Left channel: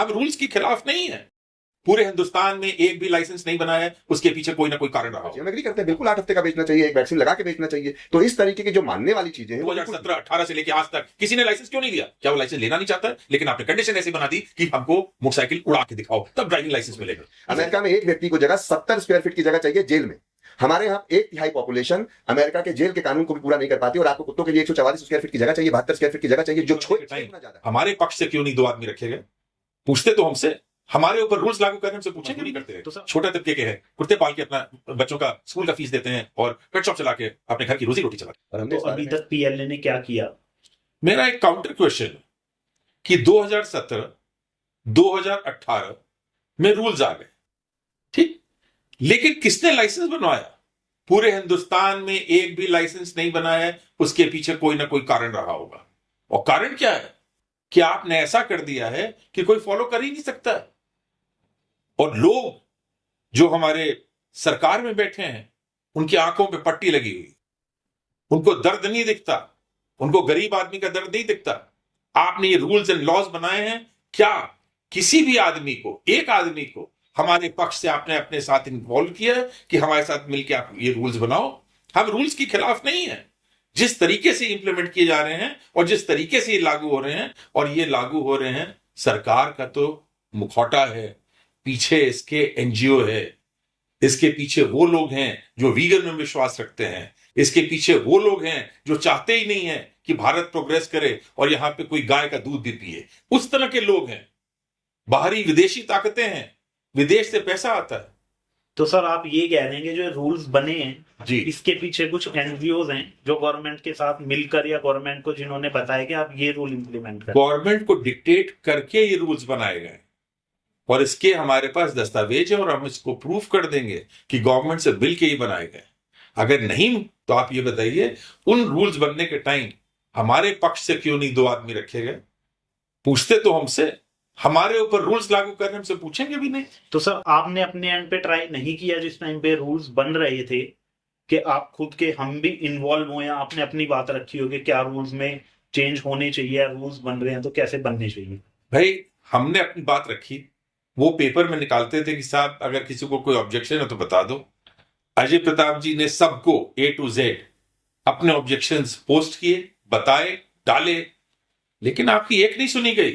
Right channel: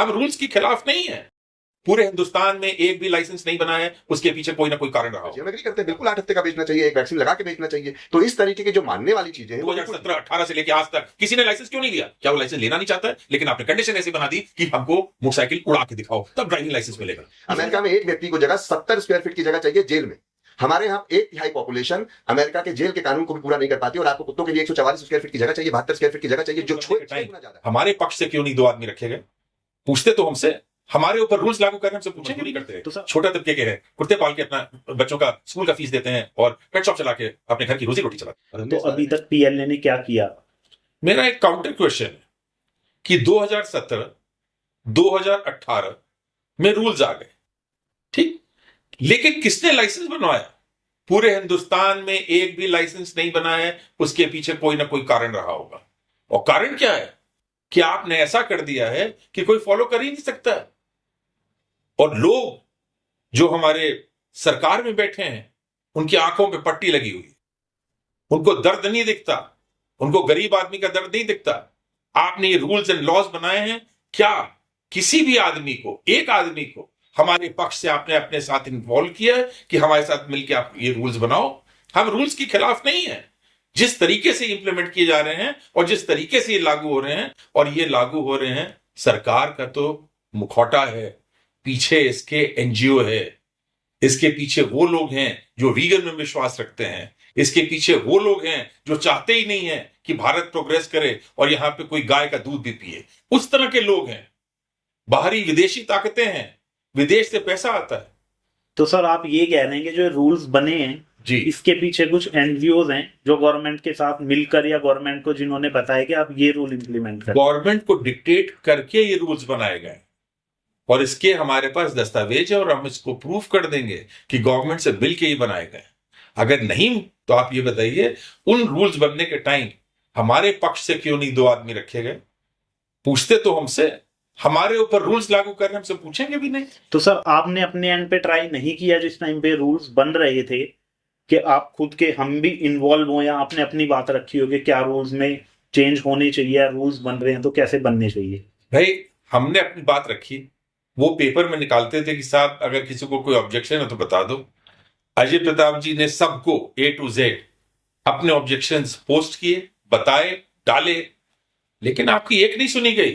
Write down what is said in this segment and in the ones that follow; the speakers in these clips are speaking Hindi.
हम रूल्स के खिलाफ नहीं है। पूरे हिंदुस्तान में एक भी लाइसेंस नहीं बनाया है, उसके पीछे कोई ना कोई कारण रहा हो। हम एग्री करते हैं, बिल्कुल 8 हफ्ते का बेचना चाहिए, एक वैक्सीन लगा के बेचना चाहिए। तो इस तरीके की जो मानने वाली चीजें हैं, 2017-18 से लेकर आज तक किसी ने लाइसेंस क्यों नहीं दिया? क्या वो लाइसेंस लेना नहीं चाहता है? लेकिन आपने कंडीशन ऐसी बना दी कि हमको मोटरसाइकिल उड़ा के दिखाओ, तब ड्राइविंग लाइसेंस मिलेगा। अमेरिका में एक व्यक्ति को जगह 70 स्क्वायर फीट की जगह चाहिए जेल में। हमारे यहाँ 1/3 पॉपुलेशन अमेरिका के जेल के कानून को भी पूरा नहीं कर पाती, और आपको कुत्तों के लिए 144 स्क्वायर फीट की जगह चाहिए, 72 स्क्वायर फीट की जगह चाहिए, जो हमारे पक्ष से क्यों नहीं 2 आदमी रखे गए? पूछते तो हमसे, हमारे ऊपर रूल्स लागू करने हमसे पूछेंगे नहीं करते। तो छोटा तबके के हैं, कुत्ते पाल के अपना बच्चों का स्कूल का फीस देते हैं और पेट शॉप चला के अपने घर की रोजी रोटी चलाते हैं। तो अभी तक पीएलए ने क्या किया? मेरा एक काउंटर क्वेश्चन है कि 2017 2018 में रूल्स आ गए, ठीक, लेकिन किसने लाइसेंस बनवाया? पूरे हिंदुस्तान में एक भी लाइसेंस नहीं बनाया है, उसके पीछे कोई ना कोई कारण रहा होगा। और कारण क्या है कि आपने ऐसा कर दिया है कि कोई फॉलो कर ही नहीं सकता। और लोग जो हमारे सरकार में बैठे हैं, उनकी आंखों पे पट्टी लगी हुई, उनको दर्द नहीं दिखता, उनको गरीब आदमी का दर्द नहीं दिखता। आपने ये रूल्स एंड लॉज बनाए हैं, क्या किसी भी आदमी को, एक आदमी को हमारे पक्ष से आपने अपने साथ इन्वॉल्व किया है कि हमारे साथ मिलकर आप ये रूल्स बनाओ? हम रूल्स के खिलाफ नहीं है। जिस तरीके से इंप्लीमेंट किए जा रहे हैं और जिस तरीके से ये लागू हो रहे हैं, और ये लागू हो रहे हैं, सरकार का तो मुखौटा है, पीछे इसके एनजीओ है, इसके पीछे वो लोग हैं जो वीगन में विश्वास रखते हैं, इसके पीछे वो लोग हैं जो चाहते ही नहीं है कि भारत प्रोग्रेस करे और यहां पे कोई गाय का दूध भी पिए। उस तरह के लोग हैं, बाहरी विदेशी ताकतें हैं, विदेश से पैसा आता है। तो सर आप ये कह रहे हैं कि जो रूल्स बने हैं जी, इसके पीछे कुछ एनजीओज हैं जो गवर्नमेंट के साथ मिलकर, या गवर्नमेंट को जिन्होंने बताया कि आप ये रूल इंप्लीमेंट करें? गवर्नमेंट को डिक्टेट करके ये रूल्स बनाए गए और इसके हमारे पास दस्तावेज है और हम इसको प्रूफ कर देंगे कि गवर्नमेंट से मिल के ही बनाए गए। अगर नहीं तो आप ये बताइए, उन रूल्स बनने के टाइम हमारे पक्ष से क्यों नहीं 2 आदमी रखे गए? पूछते तो हमसे, हमारे ऊपर रूल्स लागू करने हमसे पूछेंगे भी नहीं। तो सर आपने अपने एंड पे ट्राई नहीं किया जिस टाइम पे रूल्स बन रहे थे कि आप खुद के, हम भी इन्वॉल्व हो, या आपने अपनी बात रखी हो कि क्या रूल्स में चेंज होने चाहिए, रूल्स बन रहे हैं तो कैसे बनने चाहिए? भाई हमने अपनी बात रखी, वो पेपर में निकालते थे कि साहब अगर किसी को कोई ऑब्जेक्शन है तो बता दो। अजय प्रताप जी ने सबको A to Z अपने ऑब्जेक्शंस पोस्ट किए, बताए, डाले, लेकिन आपकी एक नहीं सुनी गई।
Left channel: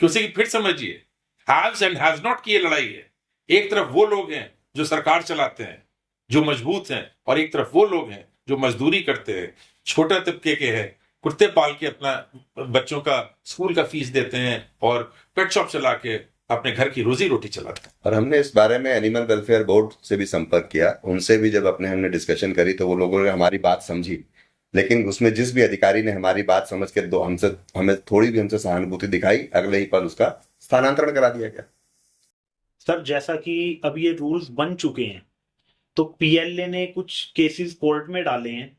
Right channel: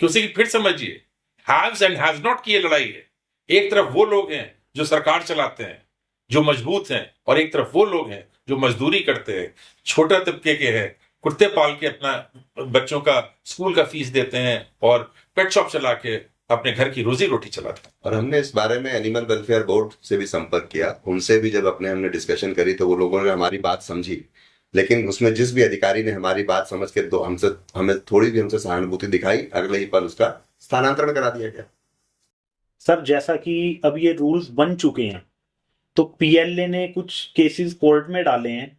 क्यों से कि फिर समझिए, हैव्स एंड हैज नॉट की ये लड़ाई है। एक तरफ वो लोग हैं जो सरकार चलाते हैं, जो मजबूत हैं, और एक तरफ वो लोग हैं जो मजदूरी करते हैं, छोटा तबके के हैं, कुत्ते पाल के अपना बच्चों का स्कूल का फीस देते हैं और पेट शॉप चला के अपने घर की रोजी रोटी चलाते हैं। और हमने इस बारे में एनिमल वेलफेयर बोर्ड से भी संपर्क किया, उनसे भी जब हमने डिस्कशन करी तो वो लोगों ने हमारी बात समझी, लेकिन उसमें जिस भी अधिकारी ने हमारी बात समझ के हमें थोड़ी भी हमसे सहानुभूति दिखाई, अगले ही पल उसका स्थानांतरण करा दिया गया। सर जैसा कि अब ये रूल्स बन चुके हैं, तो पीएलए ने कुछ केसेस कोर्ट में डाले हैं,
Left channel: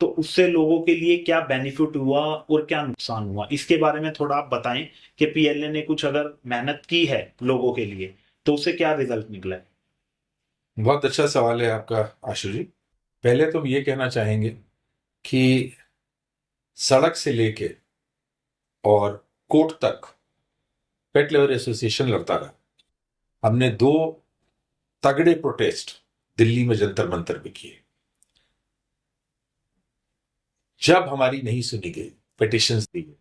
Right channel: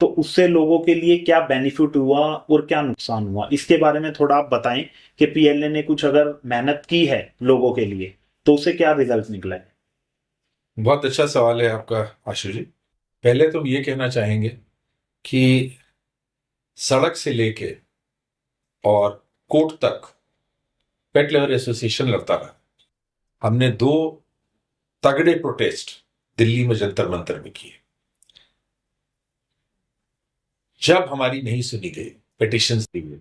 तो उससे लोगों के लिए क्या बेनिफिट हुआ और क्या नुकसान हुआ, इसके बारे में थोड़ा आप बताएं कि पीएलए ने कुछ अगर मेहनत की है लोगों के लिए तो उससे क्या रिजल्ट निकला है? बहुत अच्छा सवाल है आपका आशु जी। पहले तो ये कहना चाहेंगे कि सड़क से लेके और कोर्ट तक पेट लवर एसोसिएशन लड़ता रहा। हमने 2 तगड़े प्रोटेस्ट दिल्ली में जंतर मंतर में किए। जब हमारी नहीं सुनी गई, पिटिशंस दी गई,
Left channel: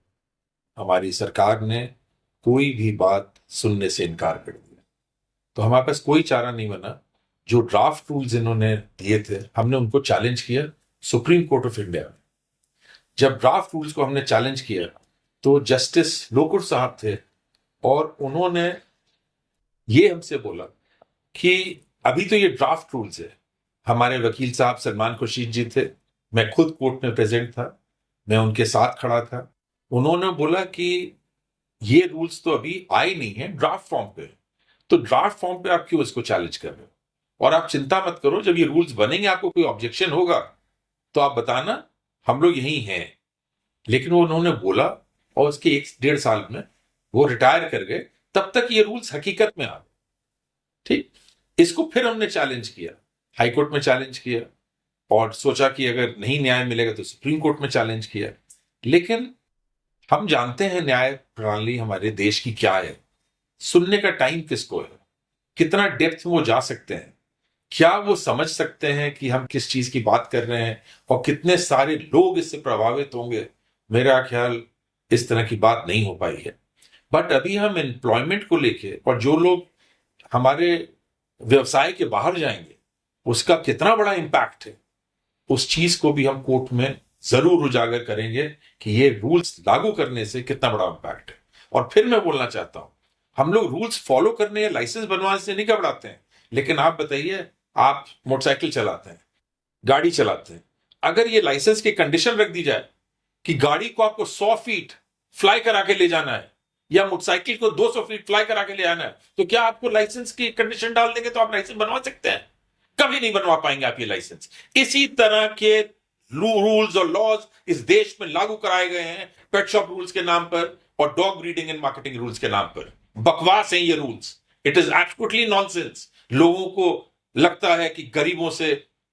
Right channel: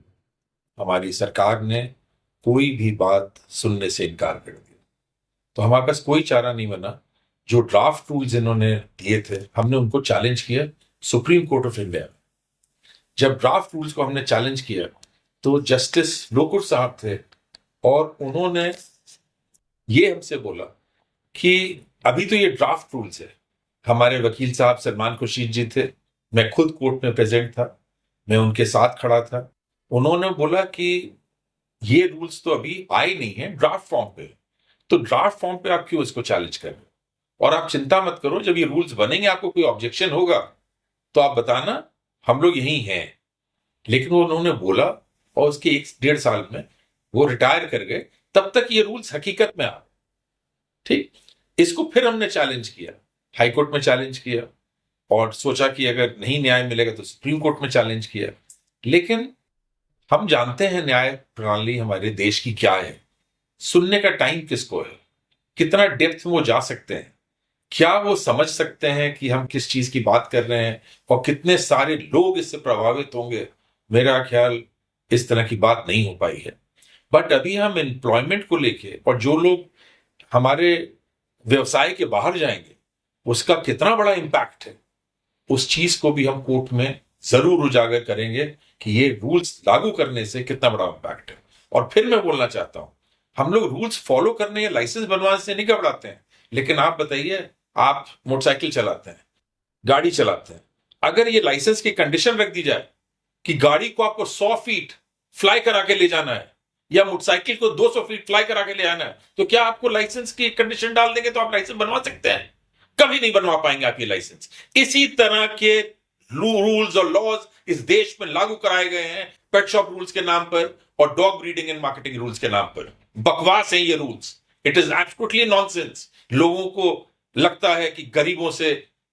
हमारी सरकार ने कोई भी बात सुनने से इनकार कर दिया, तो हमारे पास कोई चारा नहीं बना। जो ड्राफ्ट रूल्स इन्होंने दिए थे, हमने उनको चैलेंज किया सुप्रीम कोर्ट ऑफ इंडिया में। जब ड्राफ्ट रूल्स को हमने चैलेंज किया तो जस्टिस लोकुर साहब थे और उन्होंने ये हमसे बोला कि अभी तो ये ड्राफ्ट रूल्स है। हमारे वकील साहब सलमान खुर्शीद जी थे, मैं खुद कोर्ट में प्रेजेंट था, मैं उनके साथ खड़ा था। उन्होंने बोला कि ये रूल्स तो अभी आए नहीं है, ड्राफ्ट फॉर्म पे, तो ड्राफ्ट फॉर्म पे आप क्यों इसको चैलेंज कर रहे हो? और आप चिंता मत करो, जब ये रूल्स बनेंगे, आपको कोई ऑब्जेक्शन होगा तो आप बताना, हम लोग यही हैं। लेकिन वो उन्होंने बोला और उसके 1-1.5 साल में वो रिटायर कर गए, तब तक ये रूल्स हकीकत में आ गए। ठीक, इसको फिर हमने चैलेंज किया, हाई कोर्ट में चैलेंज किया, और सोचा कि अगर नहीं न्याय मिलेगा तो सुप्रीम कोर्ट में चैलेंज किया। लेकिन हम जानते हैं न्याय प्रणाली हमारे देश की क्या है। सुनने का टाइम किसको है, कितना डेप्थ में वो जा सकते हैं, क्या वो समझ सकते हैं कि हम किस चीज की बात कर रहे हैं और कितने सारे लोग इससे प्रभावित होंगे। मेरा ख्याल इस तरह की बात नहीं हो पाई है। बट अभी हम एम्प्लॉयमेंट को लेके और जो लोग हमारे व्यवसाय के बाहर जाएंगे उसका कितना बड़ा इम्पैक्ट है, उस चीज को भी हम कोर्ट में जरूर उजागर करेंगे कि ये रूल्स लागू करने से कितना बड़ा इम्पैक्ट है। और फिर मैं बोलना चाहता हूं, हम लोग रूल्स फॉलो करने या लाइसेंस बनवाने से नहीं घबराते हैं, लेकिन आप बताइए, आप मोटरसाइकिल चलाते हैं, गाड़ी चलाते हैं, अगर ये लाइसेंस की कंडीशन रख दी जाए कि गाड़ी को आपको 100 फीट फ्लाई करा के ले जाना है या मोटरसाइकिल को 200 फीट फ्लाई करा के ले आना है, तो क्या आपको लाइसेंस की कंडीशन डाल देंगे तो आप लाइसेंस बनवा सकते हैं? कभी नहीं बनवा पाएंगे आप ये लाइसेंस। इसी तरह के रूल्स और लॉज इस देश में लागू कराए गए हैं पेट शॉप रूल्स के नाम पर और dog breeding and marketing rules के नाम पर। बकवास है ये rules, it is absolutely nonsense. लोगों को लगता है कि गरीबों से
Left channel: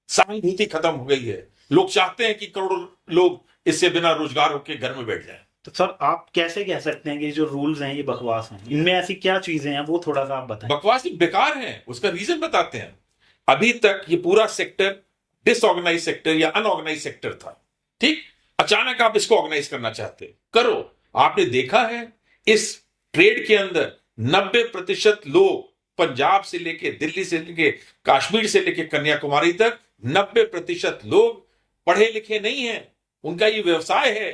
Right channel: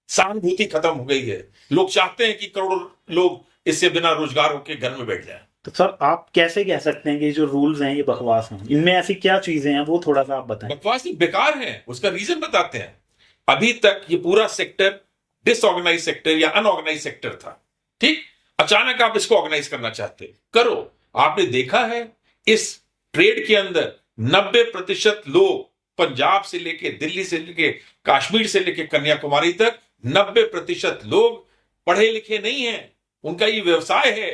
सहानुभूति खत्म हो गई है, लोग चाहते हैं कि करोड़ों लोग इससे बिना रोजगार होकर घर में बैठ जाए। तो सर आप कैसे कह सकते हैं कि जो रूल्स हैं ये बकवास हैं? इनमें ऐसी क्या चीजें हैं वो थोड़ा सा आप बताएं। बकवास नहीं, बेकार है, उसका रीजन बताते हैं। अभी तक ये पूरा सेक्टर डिसऑर्गेनाइज सेक्टर या अनऑर्गेनाइज सेक्टर था, ठीक? अचानक आप इसको ऑर्गेनाइज करना चाहते करो। आपने देखा है इस ट्रेड के अंदर 90% लोग पंजाब से लेके दिल्ली से लेके कश्मीर से लेके कन्याकुमारी तक 90% लोग पढ़े लिखे नहीं हैं, उनका ये व्यवसाय है।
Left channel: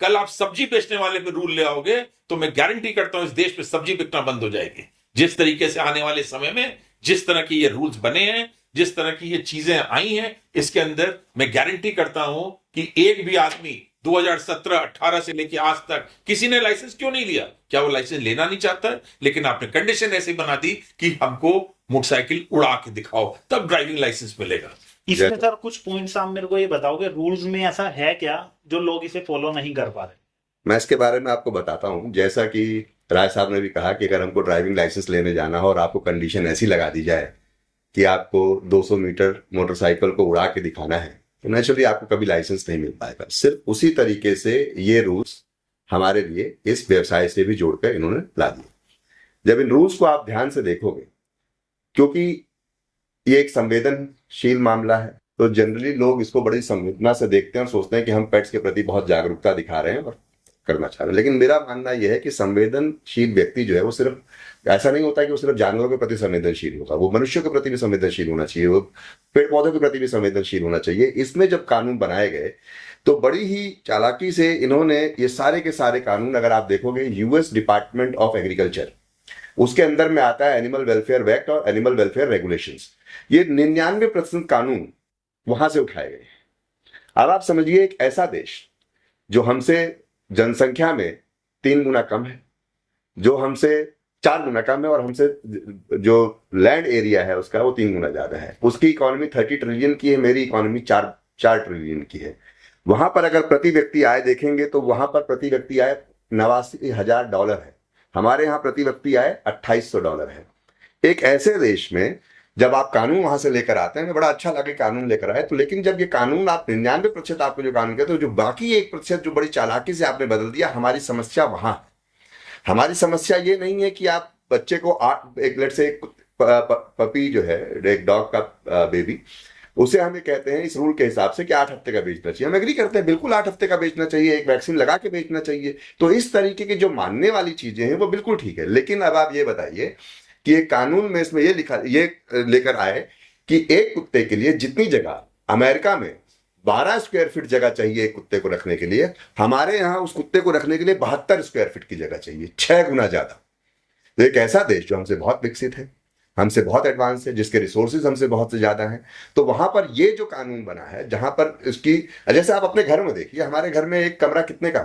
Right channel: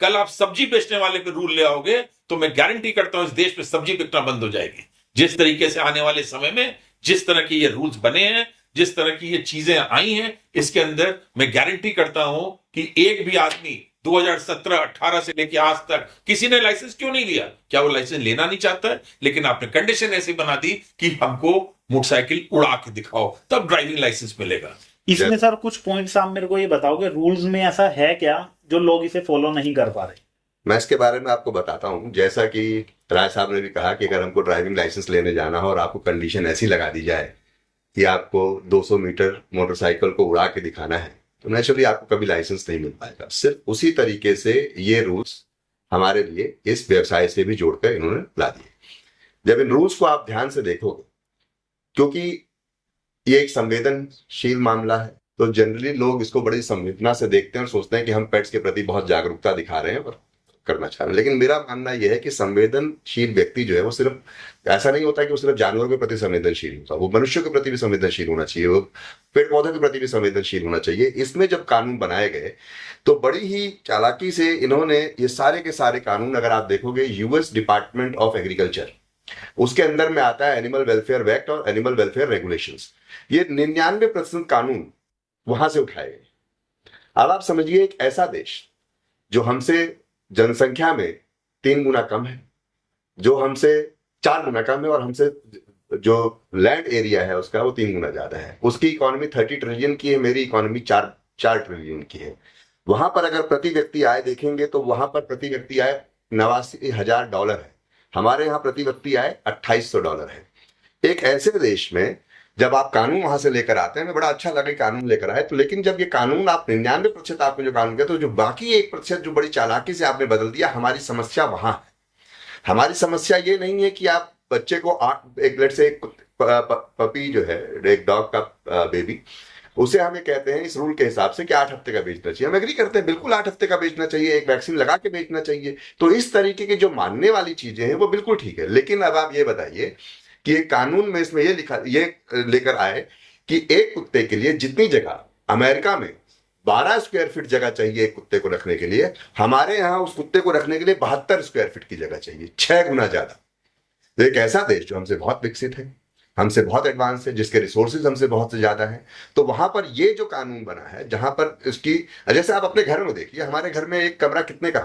कल आप सब्जी बेचने वाले पे रूल ले आओगे तो मैं गारंटी करता हूं इस देश में सब्जी बिकना बंद हो जाएगी। जिस तरीके से आने वाले समय में जिस तरह की ये रूल्स बने हैं, जिस तरह की ये चीजें आई हैं, इसके अंदर मैं गारंटी करता हूं कि एक भी आदमी 2017-18 से लेके आज तक किसी ने लाइसेंस क्यों नहीं लिया? क्या वो लाइसेंस लेना नहीं चाहता है? लेकिन आपने कंडीशन ऐसी बना दी कि हमको मोटरसाइकिल उड़ा के दिखाओ तब ड्राइविंग लाइसेंस मिलेगा। इसमें सर कुछ पॉइंट्स आप मेरे को ये बताओगे, रूल्स में ऐसा है क्या जो लोग इसे फॉलो नहीं कर पा रहे? मैं इसके बारे में आपको बताता हूँ। जैसा कि राय साहब ने भी कहा कि अगर हमको ड्राइविंग लाइसेंस लेने जाना हो और आपको कंडीशन ऐसी लगा दी जाए कि आपको 200 मीटर मोटरसाइकिल को उड़ा के दिखाना है, तो नेचुरली आपको कभी लाइसेंस नहीं मिल पाएगा। सिर्फ उसी तरीके से ये रूल्स हमारे लिए इस व्यवसाय से भी जोड़कर इन्होंने ला दिए। जब इन रूल्स को आप ध्यान से देखोगे, क्योंकि ये एक संवेदनशील मामला है, तो जनरली लोग इसको बड़ी संवेदना से देखते हैं और सोचते हैं कि हम पेट्स के प्रति बहुत जागरूकता दिखा रहे हैं और करना चाह रहे हैं। लेकिन मेरा मानना यह है कि संवेदनशील व्यक्ति जो है वो सिर्फ ऐसा नहीं होता कि वो सिर्फ जानवरों के प्रति संवेदनशील होगा, वो मनुष्यों के प्रति भी संवेदनशील होना चाहिए, वो पेड़ पौधों के प्रति भी संवेदनशील होना चाहिए। इसमें जब कानून बनाए गए तो बड़ी ही चालाकी से इन्होंने ये सारे के सारे कानून, अगर आप देखोगे यूएस डिपार्टमेंट ऑफ एग्रीकल्चर, उसके अंदर में आता है एनिमल वेलफेयर एक्ट और एनिमल वेलफेयर रेगुलेशंस, ये 99% कानून वहां से उठाए गए। अब आप समझिए एक ऐसा देश जो हमसे जनसंख्या में 3 गुना कम है, जो हमसे 4 गुना कम है और हमसे जो लैंड एरिया है उसका वो 3 गुना ज्यादा है, उसकी इकोनॉमी 30 ट्रिलियन की है, मेरी इकोनॉमी 4 ट्रिलियन की है। वहां पर अगर प्रति व्यक्ति आय देखेंगे तो वहां पर प्रति व्यक्ति आय $89,000 है, हमारे यहाँ प्रति व्यक्ति आय $2,800 है। एक ऐसे देश में जब आप कानून वहां से लेकर आते हैं, मैं बड़ा अच्छा लगे कानून लेकर आए, तो लेकिन जब ये कानून आप 99% आपको जो कानून कहते हो, जो बाकी 1% जो बड़ी चालाकी से आपने बदल दिया, हमारी समस्या वहां है। हमारी समस्या ये नहीं है कि आप बच्चे को एक लेट से एक पपी जो है, एक डॉग का बेबी, उसे हमें कहते हैं इस रूल के हिसाब से कि 8 हफ्ते का बेचना चाहिए। हम एग्री करते हैं, बिल्कुल 8 हफ्ते का बेचना चाहिए, एक वैक्सीन लगा के बेचना चाहिए। तो इस तरीके की जो मानने वाली चीजें हैं वो बिल्कुल ठीक है। लेकिन अब आप ये बताइए कि एक कानून में इसमें ये लेकर आए कि एक कुत्ते के लिए जितनी जगह अमेरिका में 12 स्क्वायर फीट जगह चाहिए एक कुत्ते को रखने के लिए, हमारे यहाँ उस कुत्ते को रखने के लिए 72 स्क्वायर फीट की जगह चाहिए, 6 गुना ज्यादा। तो एक ऐसा देश जो हमसे बहुत विकसित है, हमसे बहुत एडवांस है, जिसके रिसोर्सेज हमसे बहुत से ज्यादा हैं, तो वहां पर ये जो कानून बना है, जहां पर इसकी, जैसे आप अपने घर में देखिए, हमारे घर में एक कमरा कितने का,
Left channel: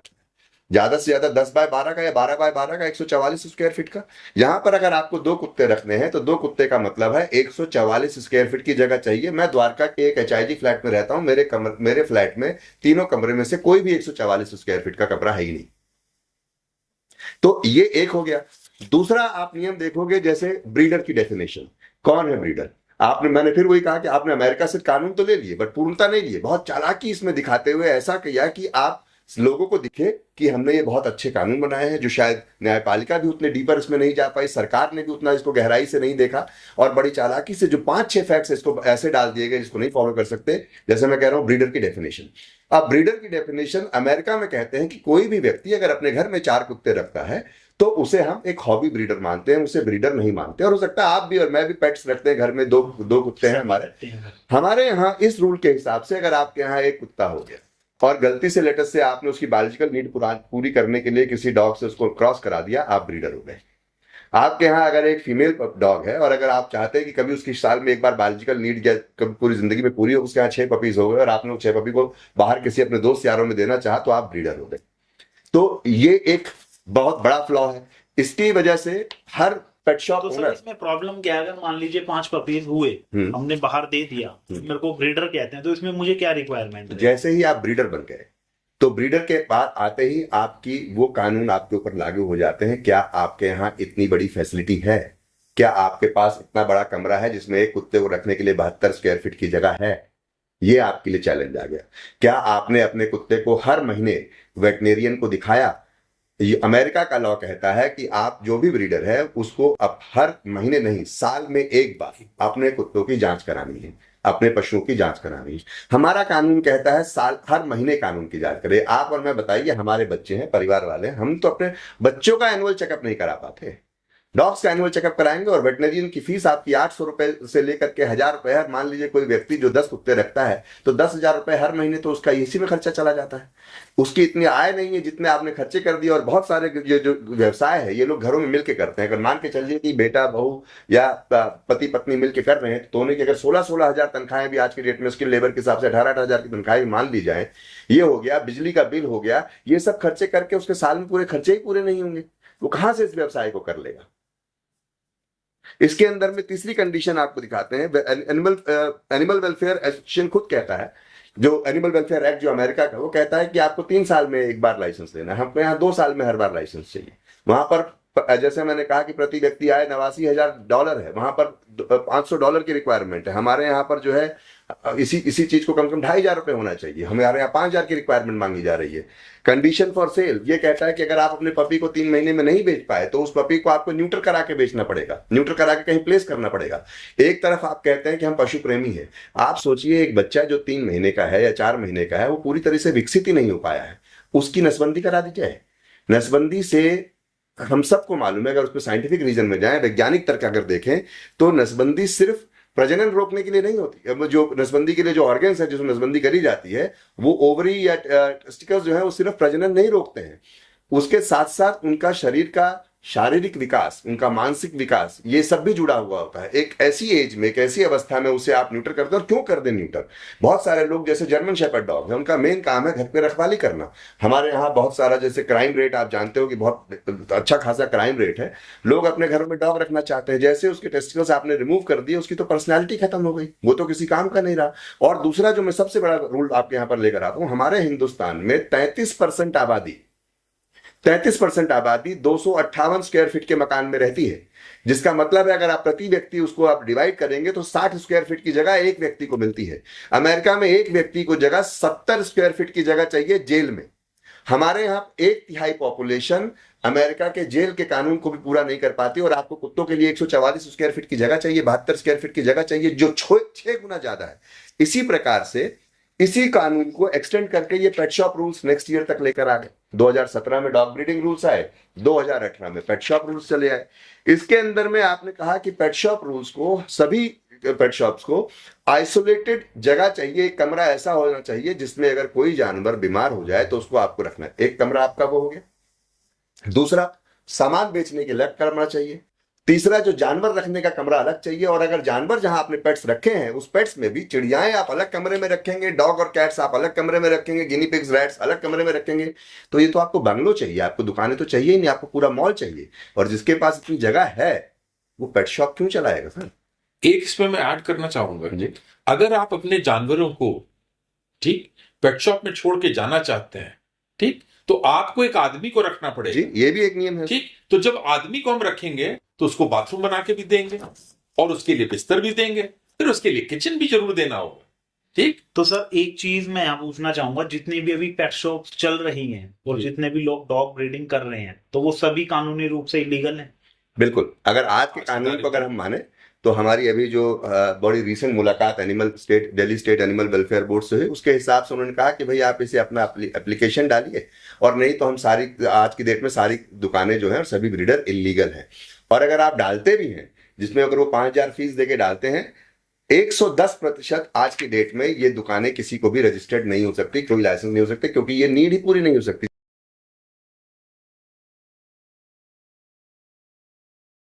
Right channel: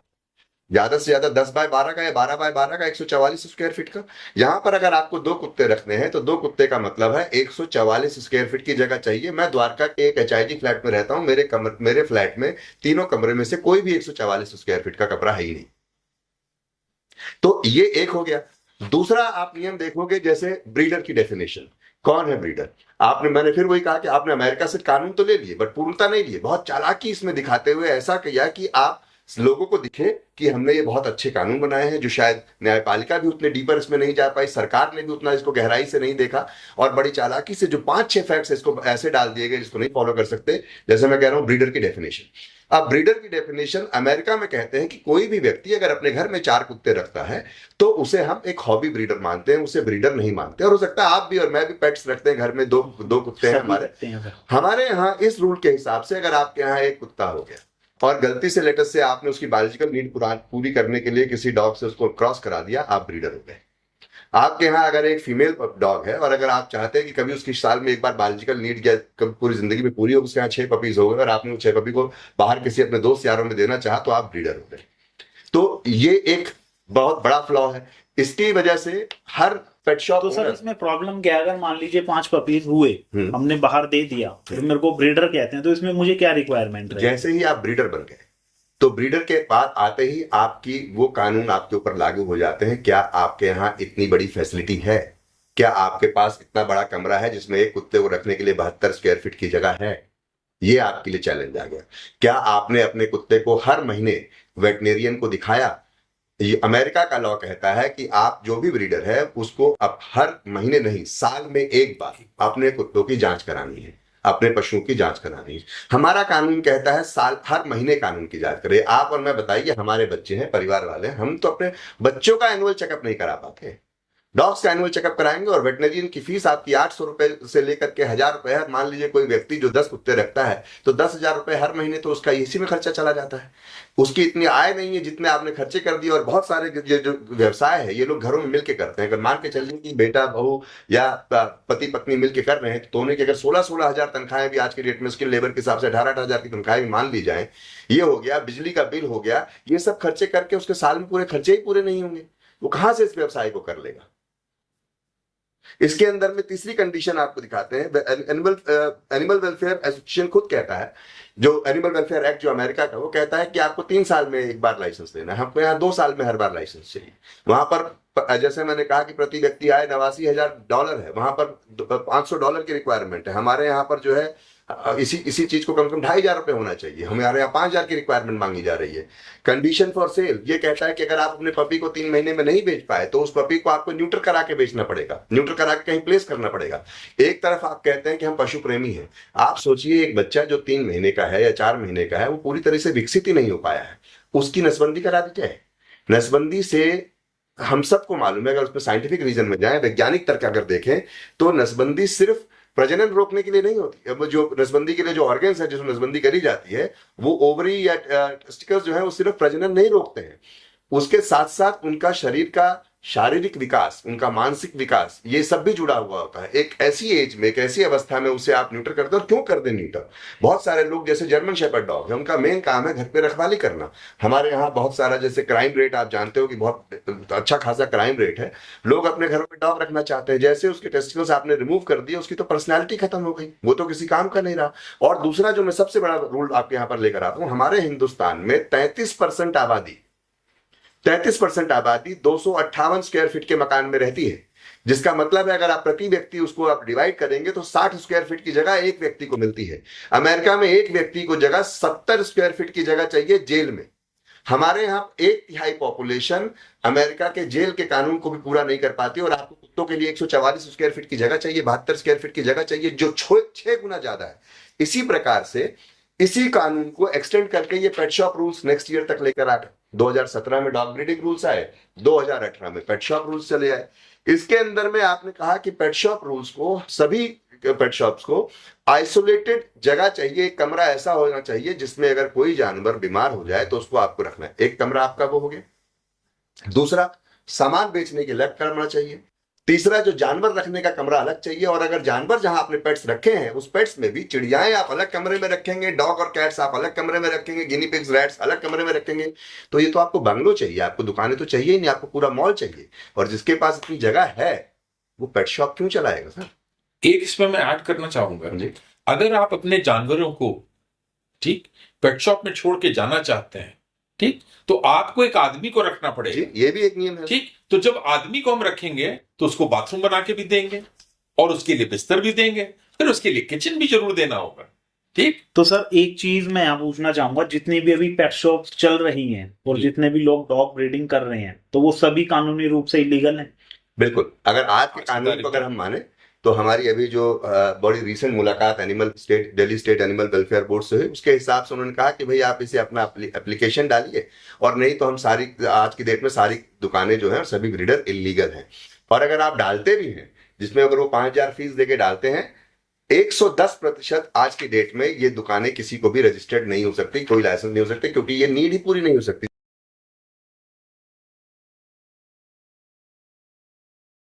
ज्यादा से ज्यादा 10 बाय 12 का या 12 बाय 12 का, 144 स्क्वायर फीट का। यहां पर अगर आपको 2 कुत्ते रखने हैं तो 2 कुत्ते का मतलब है 144 स्क्वायर फीट की जगह चाहिए। मैं द्वारका के एक HIG फ्लैट में रहता हूं, मेरे फ्लैट में तीनों कमरे में से कोई भी 144 स्क्वायर फीट का कमरा है ही नहीं। तो ये एक हो गया। दूसरा आप नियम देखोगे, जैसे ब्रीडर की डेफिनेशन, कौन है ब्रीडर? मैंने फिर वही कहा कि आपने अमेरिका से कानून तो ले लिए बट पूर्णता नहीं लिए, बहुत चालाकी इसमें दिखाते हुए ऐसा किया कि आप लोगों को दिखे कि हमने ये बहुत अच्छे कानून बनाए हैं, जो शायद न्यायपालिका भी उतने डीपर इसमें नहीं जा पाई, सरकार ने भी उतना इसको गहराई से नहीं देखा, और बड़ी चालाकी से जो 5-6 फैक्ट्स इसको ऐसे डाल दिए गए जिसको नहीं फॉलो कर सकते। जैसे मैं कह रहा हूं ब्रीडर की डेफिनेशन। अब ब्रीडर की डेफिनेशन अमेरिका में कहते हैं कि कोई भी व्यक्ति अगर अपने घर में 4 कुत्ते रखता है तो उसे हम एक हॉबी ब्रीडर मानते हैं, उसे ब्रीडर नहीं मानते। और हो सकता है आप भी और मैं भी पेट्स रखते हैं, घर में दो कुत्ते हैं हमारे यहाँ इस रूल के हिसाब से अगर आपके यहाँ एक कुत्ता हो गया और गलती से लेटेस्ट से आपने उसकी बायोलॉजिकल नीड पूरी करने के लिए किसी डॉग से उसको क्रॉस करा दिया, आप ब्रीडर हो गए। आपके यहाँ अगर एक फीमेल डॉग है और अगर आप चाहते हैं कि कभी उसकी साल में एक बार बायोलॉजिकल नीड या कभी पूरी जिंदगी में पूरी हो, उसके यहाँ 6 पपीज हो गए और आपने 6 पपी को बाहर किसी अपने दोस्त यारों में देना चाहा, तो आप ब्रीडर हो गए। तो ये एक बहुत बड़ा फ्लॉ है। इसकी वजह से हर पेट शॉप तो सर इसमें प्रॉब्लम क्या है, अगर मान लीजिए 5 पपीज हुए, हमने बाहर दे दिया, फिर मेरे को ब्रीडर कहते हैं, तो इसमें मुझे क्या रिक्वायरमेंट है? जैसे ही आप ब्रीडर बन गए तो ब्रीडर के बाद आते ही आपकी वो कानून आपके ऊपर लागू हो जाते हैं। क्या आपके यहाँ इतनी बड़ी फैसिलिटी है? क्या आपके पास इतना बड़ा कमरा है जिसमें एक कुत्ते को रखने के लिए 72 स्क्वायर फीट की जगह है? ये आपके लिए चैलेंज आ गया। क्या आपने अपने कुत्ते को हर महीने वेटनेरियन को दिखाया? ये अमेरिका का लॉ कहता है कि आप जो भी ब्रीडर है उसको अब हर महीने नहीं, साल में एक बार अपने कुत्तों की जांच करानी है, अपने पशुओं की जांच करानी है। हमारा कानून कहता है हर महीने कानून की जांच करें। आप और मैं बताइए, हमारे बच्चे हैं, परिवार वाले, हम तो अपने बच्चों का एनुअल चेकअप नहीं करा पाते। डॉग्स का एनुअल चेकअप कराएंगे और वेटनरियन की फीस आपकी 800 रुपए से लेकर के 1000 रुपए है। मान लीजिए कोई व्यक्ति जो 10 कुत्ते रखता है तो 10,000 रुपए हर महीने तो उसका इसी में खर्चा चला जाता है। उसकी इतनी आय नहीं है जितने आपने खर्चे कर दिए। और बहुत सारे ये जो व्यवसाय है ये लोग घरों में मिलकर करते हैं। अगर मान के चलिए कि बेटा बहू या पति पत्नी मिलकर कर रहे हैं तो दोनों की अगर 16-16 हजार तनख्वाहें भी आज की डेट में उसके लेबर के हिसाब से 18-18 हजार की तनख्वाहें भी मान ली जाए, ये हो गया, बिजली का बिल हो गया, ये सब खर्चे करके उसके साल में पूरे खर्चे ही पूरे नहीं होंगे। वो कहां से इस व्यवसाय को कर लेगा? इसके अंदर में तीसरी कंडीशन आपको दिखाते हैं। एनिमल वेलफेयर एसोसिएशन खुद कहता है, जो एनिमल वेलफेयर एक्ट जो अमेरिका का, वो कहता है कि आपको 3 साल में एक बार लाइसेंस लेना है। हमको यहाँ 2 साल में हर बार लाइसेंस चाहिए। वहां पर जैसे मैंने कहा कि प्रति व्यक्ति आय $89,000 है, वहां पर $500 की रिक्वायरमेंट है। हमारे यहाँ पर जो है इसी चीज को कम से कम $2,500 होना चाहिए, हमारे यहाँ 5,000 की रिक्वायरमेंट मांगी जा रही है। कंडीशन फॉर सेल ये कहता है कि अगर आप अपने पपी को 3 महीने में नहीं बेच पाए तो उस पपी को आपको न्यूट्र करा के बेचना पड़ेगा, न्यूट्र करा के कहीं प्लेस करना पड़ेगा। एक तरफ आप कहते हैं कि हम पशु प्रेमी हैं, आप सोचिए एक बच्चा जो 3 महीने का है या 4 महीने का है, वो पूरी तरह से विकसित ही नहीं हो पाया है, उसकी नसबंदी करा दी जाए। नसबंदी से हम सबको मालूम है, अगर उसमें साइंटिफिक रीजन में जाए, वैज्ञानिक तर्क अगर देखें, तो नसबंदी सिर्फ प्रजनन रोकने के लिए नहीं होती। अब जो नसबंदी के लिए जो ऑर्गन्स है जिसमें नसबंदी करी जाती है, वो ओवरी या टेस्टिकल्स जो है वो सिर्फ प्रजनन नहीं रोकते हैं, उसके साथ साथ उनका शरीर का शारीरिक विकास, उनका मानसिक विकास, ये सब भी जुड़ा हुआ होता है। एक ऐसी एज में, एक ऐसी अवस्था में उसे आप न्यूटर करते हो। और क्यों कर दे न्यूटर? बहुत सारे लोग जैसे जर्मन शेपर्ड डॉग है, उनका मेन काम है घर पे रखवाली करना। हमारे यहाँ बहुत सारा जैसे क्राइम रेट आप जानते हो कि बहुत अच्छा खासा क्राइम रेट है, लोग अपने घरों में डॉग रखना चाहते हैं। जैसे उसके टेस्टिकल्स आपने रिमूव कर दिए, उसकी तो पर्सनैलिटी खत्म हो गई, वो तो किसी काम का नहीं रहा। और दूसरा जो मैं सबसे बड़ा रूल आपके यहाँ पर लेकर आता हूँ, हमारे हिंदुस्तान में 33% आबादी 258 स्क्वायर फीट के मकान में रहती है, जिसका मतलब है अगर आप प्रति व्यक्ति उसको आप डिवाइड करेंगे तो 60 स्क्वायर फीट की जगह एक व्यक्ति को मिलती है। अमेरिका में एक व्यक्ति को जगह 70 स्क्वायर फीट की जगह चाहिए जेल में। हमारे यहाँ 1/3 पॉपुलेशन अमेरिका के जेल के कानून को भी पूरा नहीं कर पाती, और आपको कुत्तों के लिए 144 स्क्वायर फीट की जगह चाहिए, 72 स्क्वायर फीट की जगह चाहिए, जो 6 गुना ज्यादा है। इसी प्रकार से इसी कानून को एक्सटेंड करके ये pet shop rules next year तक लेकर आ गए। 2017 में डॉग ब्रीडिंग रूल्स आए, 2018 में पेट शॉप रूल्स चले आए। इसके अंदर में आपने कहा कि पेट शॉप रूल्स को, सभी पेट शॉप्स को आइसोलेटेड जगह चाहिए, एक कमरा ऐसा होना चाहिए जिसमें अगर कोई जानवर बीमार हो जाए तो उसको आपको रखना है। एक कमरा आपका वो हो गया। दूसरा, सामान बेचने के अलग कमरा चाहिए। तीसरा, जो जानवर रखने का कमरा अलग चाहिए। और अगर जानवर जहां आपने पेट्स रखे हैं उस पेट्स में भी, चिड़ियाएं आप अलग कमरे में रखेंगे, डॉग और कैट्स आप अलग कमरे में रखेंगे, गिनी पिग्स, रैट्स अलग कमरे में रखेंगे। तो ये तो आपको बंगलो चाहिए, आपको दुकानें तो चाहिए ही नहीं, आपको पूरा मॉल चाहिए। और जिसके पास इतनी जगह है वो पेट शॉप क्यों चलाएगा सर? एक इसमें मैं ऐड करना चाहूंगा जी, अगर आप अपने जानवरों को ठीक पेट शॉप में छोड़ के जाना चाहते हैं, ठीक, तो आपको एक आदमी को रखना पड़ेगा जी, ये भी एक नियम है। ठीक, तो जब आदमी को हम रखेंगे तो उसको बाथरूम बना के भी देंगे और उसके लिए बिस्तर भी देंगे, फिर उसके लिए किचन भी जरूर देना होगा। ठीक। तो सर एक चीज मैं यहाँ पूछना चाहूंगा, जितनी भी अभी पेट शॉप्स चल रही हैं और जी। जितने भी लोग डॉग ब्रीडिंग कर रहे हैं, तो वो सभी कानूनी रूप से इलीगल हैं? बिल्कुल, अगर आज के आज की कानून तारीख को अगर में हम माने तो हमारी अभी जो बड़ी रीसेंट मुलाकात Delhi state animal welfare board से हुई, उसके हिसाब से उन्होंने कहा कि भाई आप इसे अपना एप्लीकेशन डालिए, और नहीं तो हम सारी आज की डेट में सारी दुकानें जो हैं सभी ब्रीडर इलीगल हैं। और अगर आप डालते भी हैं, जिसमें अगर वो 5,000 फीस देके डालते हैं, 110% आज की डेट में ये दुकानें किसी को भी रजिस्टर्ड नहीं हो सकती, कोई लाइसेंस नहीं हो सकते, क्योंकि ये नीड ही पूरी नहीं हो सकती।